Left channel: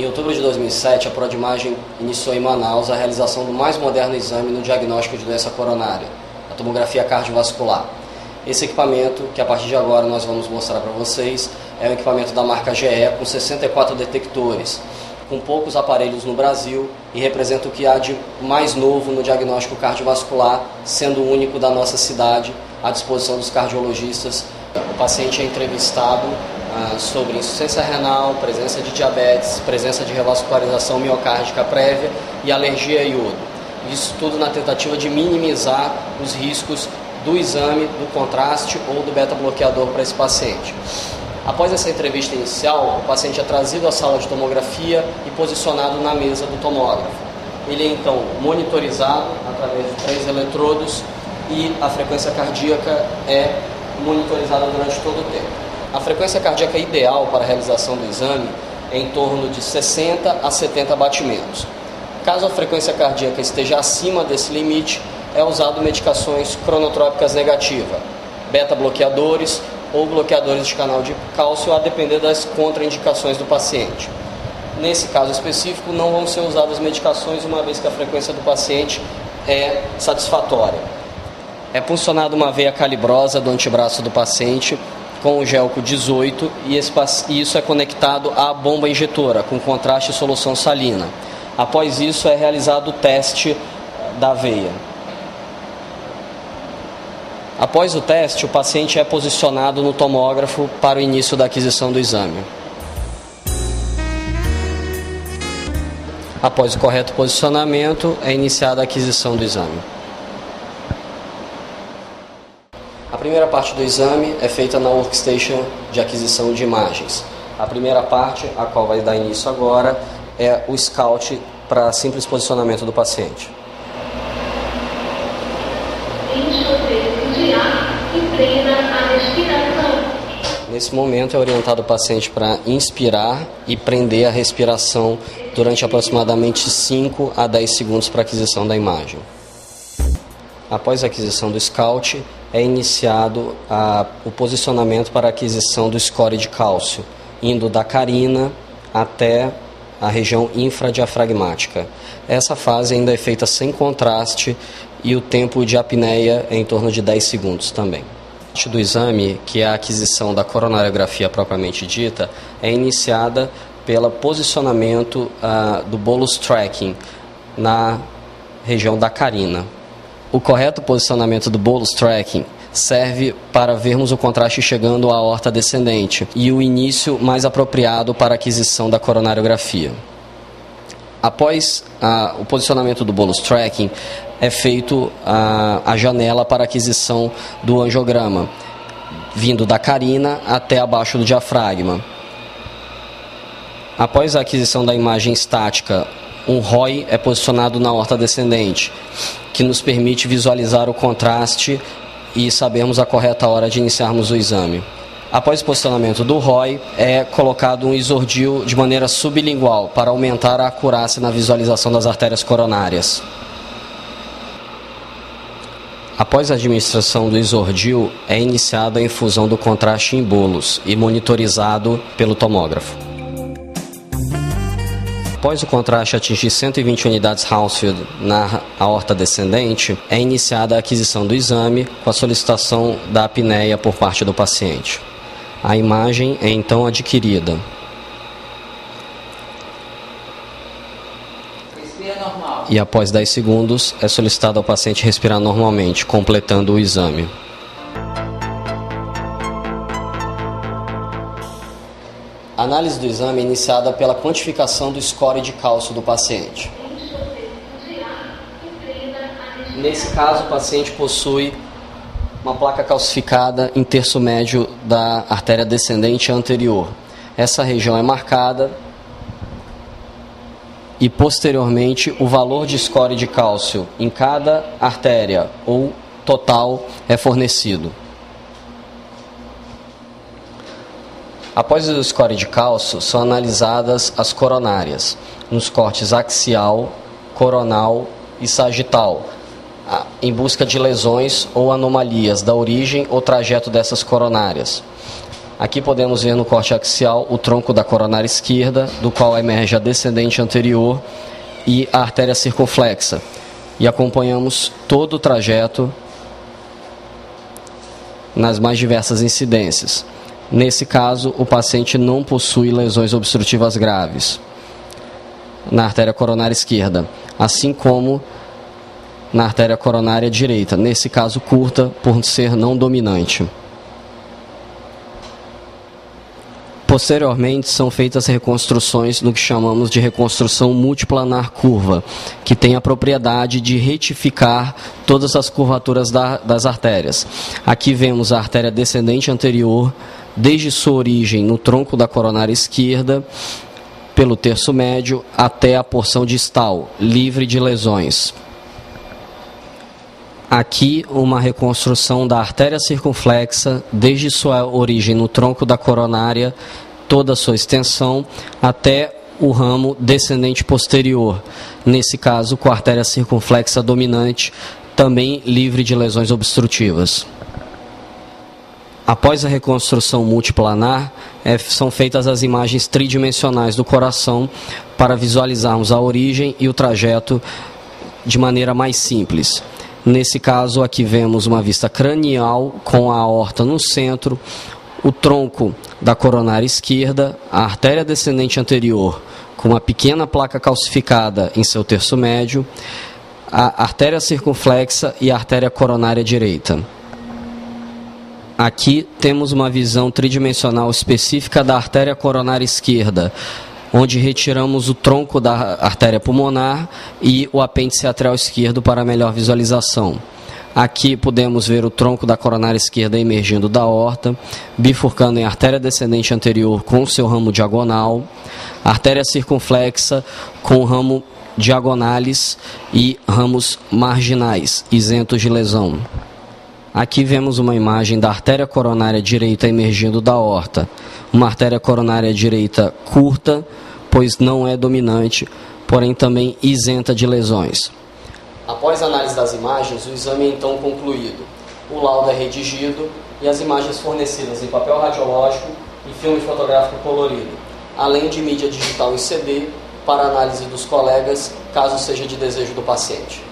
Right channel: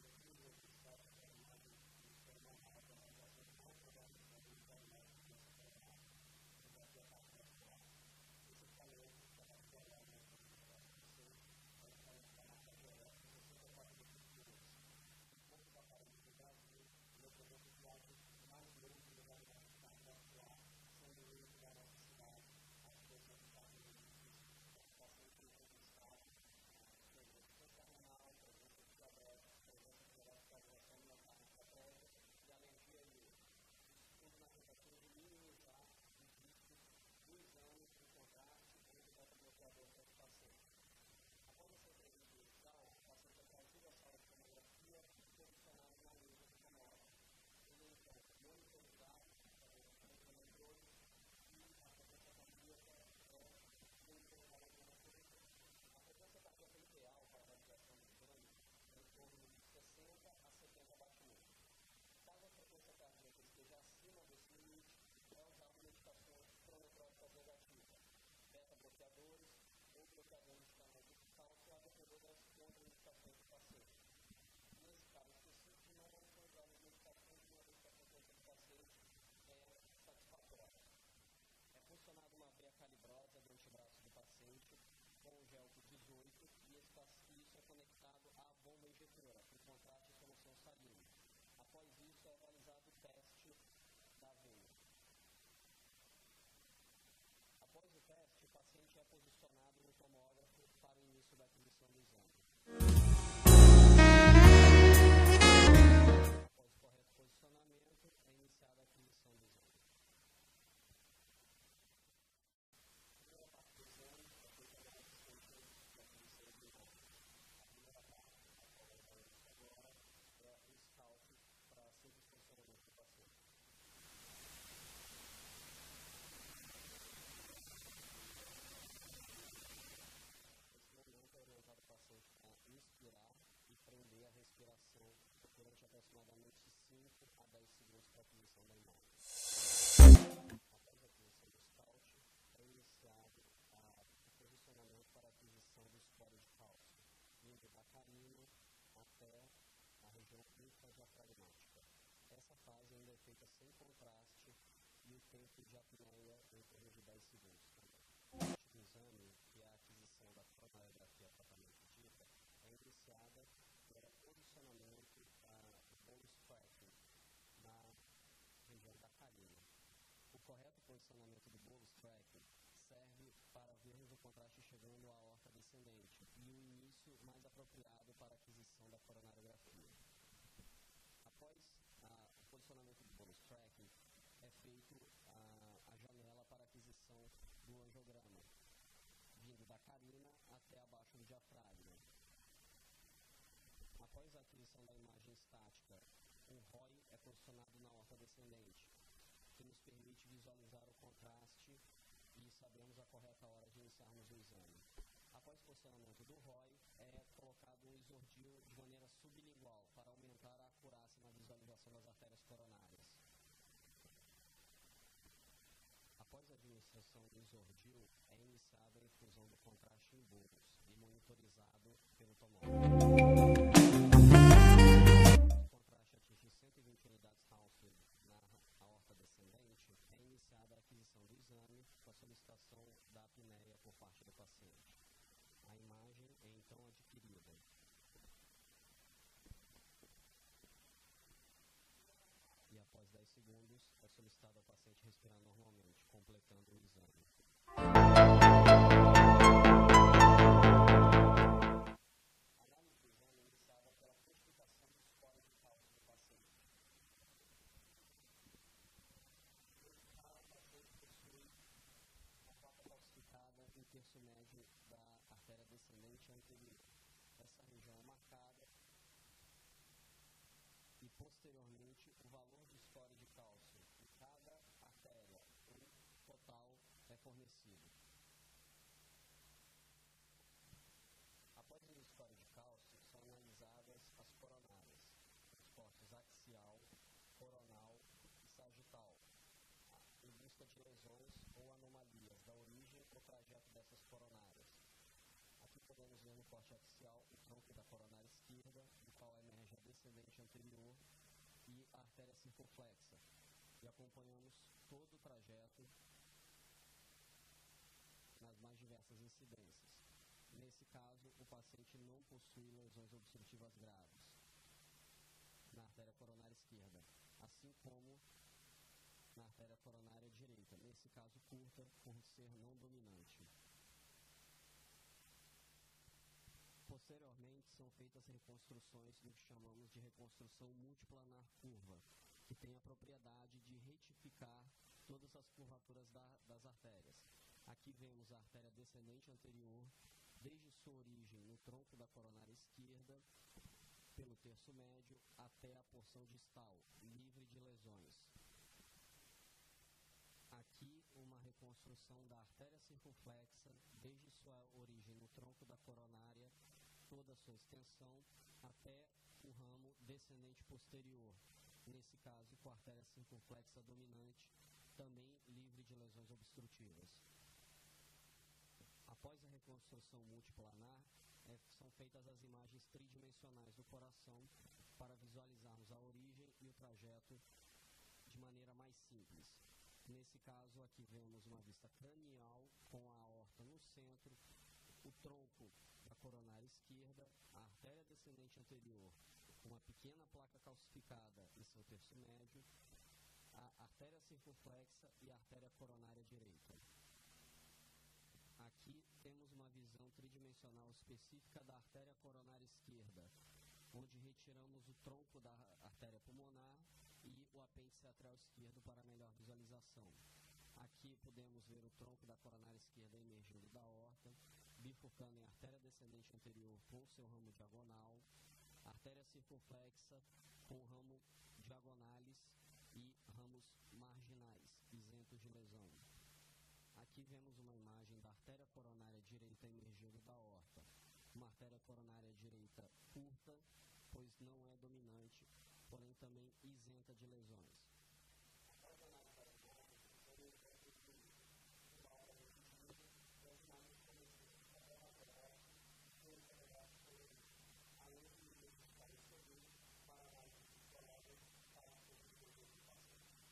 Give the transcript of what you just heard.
Em outubro de 2007, a Prodimagem iniciou em Manaus a realização do mais moderno exame no diagnóstico de doença coronária, a tomografia cardiovascular. Esse equipamento, que a partir de agora nós vamos mostrar para vocês, é um equipamento da marca GE com 64 detectores, com poucos aparelhos no Brasil e representa o que há de mais novo no diagnóstico cardiovascular, sendo o único da nossa cidade à disposição dos cardiologistas. O paciente é entrevistado sobre insuficiência renal, presença de diabetes, presença de revascularização miocárdica prévia e alergia a iodo. Isso tudo na tentativa de minimizar os riscos do exame, do contraste ou do beta-bloqueador para esse paciente. Após essa entrevista inicial, o paciente é trazido à sala de tomografia e posicionado na mesa do tomógrafo. Ele é então monitorizado através de 3 eletrodos e a frequência cardíaca é monitorizada durante todo o tempo. A frequência cardíaca ideal para a realização do exame é em torno de 60 a 70 batimentos. Caso a frequência cardíaca esteja acima desse limite, é usado medicações cronotrópicas negativas, beta-bloqueadores ou bloqueadores de canal de cálcio, a depender das contraindicações do paciente. Nesse caso específico, não vão ser usadas medicações, uma vez que a frequência do paciente é satisfatória. É puncionada uma veia calibrosa do antebraço do paciente com o Gelco 18 e isso é conectado à bomba injetora com contraste e solução salina. Após isso é realizado o teste da veia. Após o teste, o paciente é posicionado no tomógrafo para o início da aquisição do exame. Após o correto posicionamento, é iniciada a aquisição do exame. A primeira parte do exame é feita na workstation de aquisição de imagens. A primeira parte, a qual vai dar início agora, é o scout para simples posicionamento do paciente. Nesse momento é orientado o paciente para inspirar e prender a respiração durante aproximadamente 5 a 10 segundos para a aquisição da imagem. Após a aquisição do scout, é iniciado o posicionamento para a aquisição do score de cálcio, indo da carina até a região infradiafragmática. Essa fase ainda é feita sem contraste e o tempo de apneia é em torno de 10 segundos também. A parte do exame, que é a aquisição da coronariografia propriamente dita, é iniciada pelo posicionamento do bolus tracking na região da carina. O correto posicionamento do bolus tracking serve para vermos o contraste chegando à aorta descendente e o início mais apropriado para a aquisição da coronariografia. Após o posicionamento do bolus tracking, é feito a janela para aquisição do angiograma, vindo da carina até abaixo do diafragma. Após a aquisição da imagem estática, um ROI é posicionado na aorta descendente, que nos permite visualizar o contraste e sabermos a correta hora de iniciarmos o exame. Após o posicionamento do ROI, é colocado um isordil de maneira sublingual para aumentar a acurácia na visualização das artérias coronárias. Após a administração do isordil, é iniciada a infusão do contraste em bolos e monitorizado pelo tomógrafo. Após o contraste atingir 120 unidades Hounsfield na aorta descendente, é iniciada a aquisição do exame com a solicitação da apneia por parte do paciente. A imagem é então adquirida. E após 10 segundos, é solicitado ao paciente respirar normalmente, completando o exame. A análise do exame é iniciada pela quantificação do score de cálcio do paciente. Nesse caso, o paciente possui uma placa calcificada em terço médio da artéria descendente anterior. Essa região é marcada e, posteriormente, o valor de score de cálcio em cada artéria ou total é fornecido. Após o score de cálcio, são analisadas as coronárias, nos cortes axial, coronal e sagital, em busca de lesões ou anomalias da origem ou trajeto dessas coronárias. Aqui podemos ver no corte axial o tronco da coronária esquerda, do qual emerge a descendente anterior e a artéria circunflexa. E acompanhamos todo o trajeto nas mais diversas incidências. Nesse caso, o paciente não possui lesões obstrutivas graves na artéria coronária esquerda, assim como na artéria coronária direita, nesse caso curta por ser não dominante. Posteriormente, são feitas reconstruções no que chamamos de reconstrução multiplanar curva, que tem a propriedade de retificar todas as curvaturas das artérias. Aqui vemos a artéria descendente anterior, desde sua origem no tronco da coronária esquerda, pelo terço médio, até a porção distal, livre de lesões. Aqui, uma reconstrução da artéria circunflexa, desde sua origem no tronco da coronária, toda a sua extensão, até o ramo descendente posterior, nesse caso com a artéria circunflexa dominante, também livre de lesões obstrutivas. Após a reconstrução multiplanar, são feitas as imagens tridimensionais do coração para visualizarmos a origem e o trajeto de maneira mais simples. Nesse caso, aqui vemos uma vista cranial com a aorta no centro, o tronco da coronária esquerda, a artéria descendente anterior com uma pequena placa calcificada em seu terço médio, a artéria circunflexa e a artéria coronária direita. Aqui temos uma visão tridimensional específica da artéria coronária esquerda, onde retiramos o tronco da artéria pulmonar e o apêndice atrial esquerdo para melhor visualização. Aqui podemos ver o tronco da coronária esquerda emergindo da aorta, bifurcando em artéria descendente anterior com seu ramo diagonal, artéria circunflexa com ramo diagonais e ramos marginais, isentos de lesão. Aqui vemos uma imagem da artéria coronária direita emergindo da aorta. Uma artéria coronária direita curta, pois não é dominante, porém também isenta de lesões. Após a análise das imagens, o exame é então concluído. O laudo é redigido e as imagens fornecidas em papel radiológico e filme fotográfico colorido, além de mídia digital em CD para análise dos colegas, caso seja de desejo do paciente.